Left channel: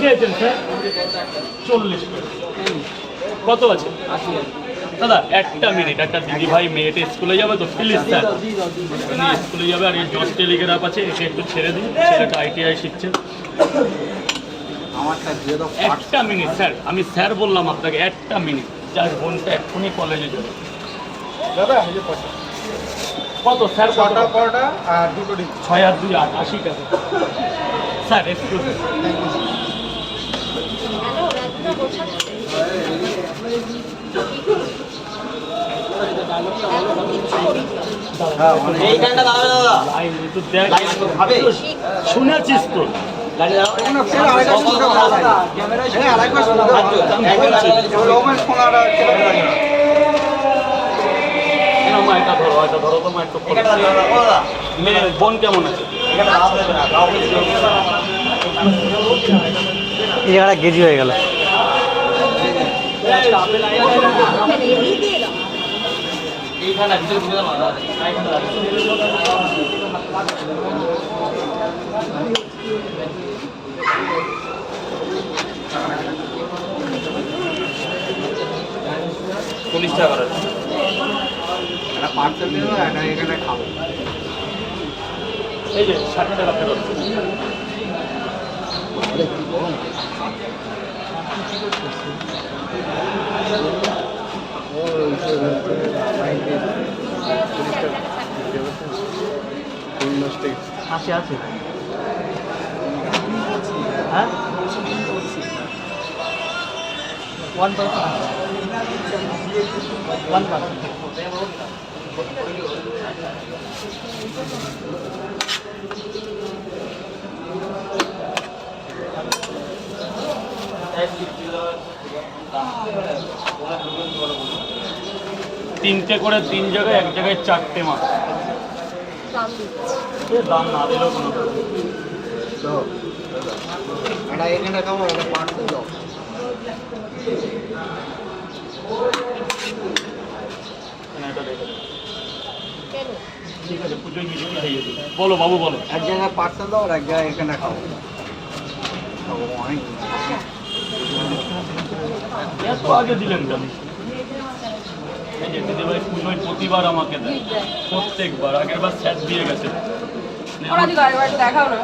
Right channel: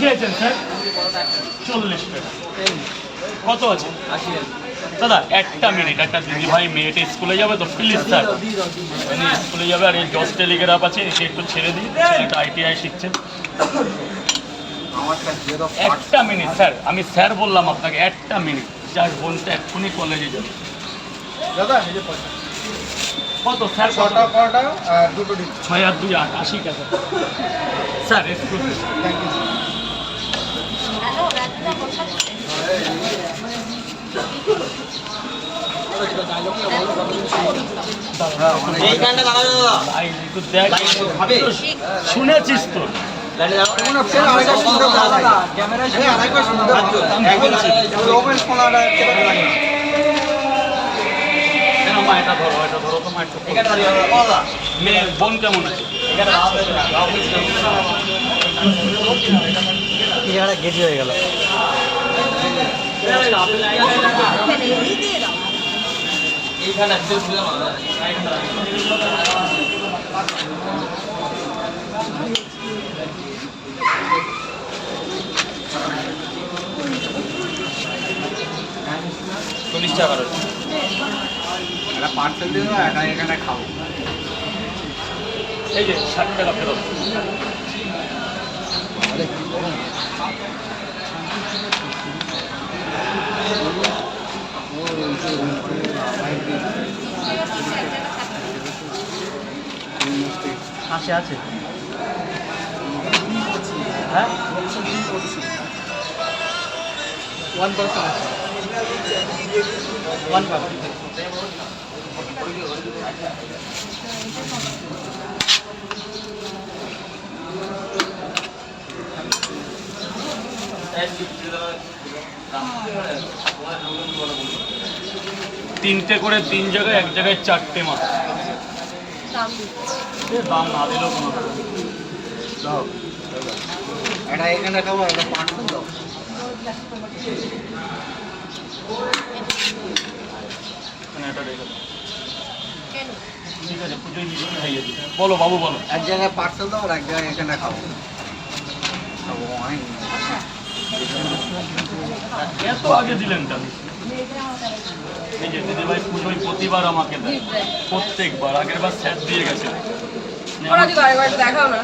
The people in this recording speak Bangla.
খেয়েছেন স্যার? চল্লিশ টাকা। কত আছে? দাদা একটা মিনিট একটা দিদি ভাই মেয়েটা স্কুলে যাবে তো প্লিজ স্যার। স্কুলে যাবে আর এই জজ টেলিগ্রাফ আছে একে একটু ছেড়ে দিই ছেলেটা আইটিআই শিখছে। একটা মিনিট স্যার আমি স্যার বললাম আপনাকে একটা মিনিট যার বোনটা এক্ষুনি কলেজে যাবে। দাদা। কত স্যার কত? পরোটা আর দুটো ডিম। ছয় আর দুই আট আশি টাকা। স্যার একটু থ্যাংক ইউ হ্যালো রাজনা বসাচ্ছে মা এটা ধরো এটা ধরো তো মা একটু খোলো। এখানটা দাঁড়িয়ে দাও, দাদা মেয়ে বোন কেমন আছে? এই জায়গাটা গেজি হয়ে গেল। এই দিয়ে দাও এইখানটা ভিতরে ঢুকে যাও না দাদা এইখানটা দাঁড়িয়ে চল্লিশ টাকা করে। একটা পার্সেল দিও এটা এখানে খাব এই যে ষাট টাকা ফেরত। আছে আছে। হ্যাঁ? ওয়ান পার্সেন্ট ওয়ান তিনটে করে তিন জায়গায় এক জায়গায় চারটে মাছ দাম না দিলেও কোনো। এটা এখানে খাব এটা দাও। কেন? ঠিক আছে কি বলো বাবু বলো। এক জায়গায় পার্সেল দাও আর এক জায়গায় এখানে খাব খাব, এত আগে দিলেন কেন? এই যে দিদিভাই পুজোয় প্রতিবার আমাকে দেয়। প্রত্যেকবার। আগের বার স্যার দিয়ে গেছে। দেখাও না।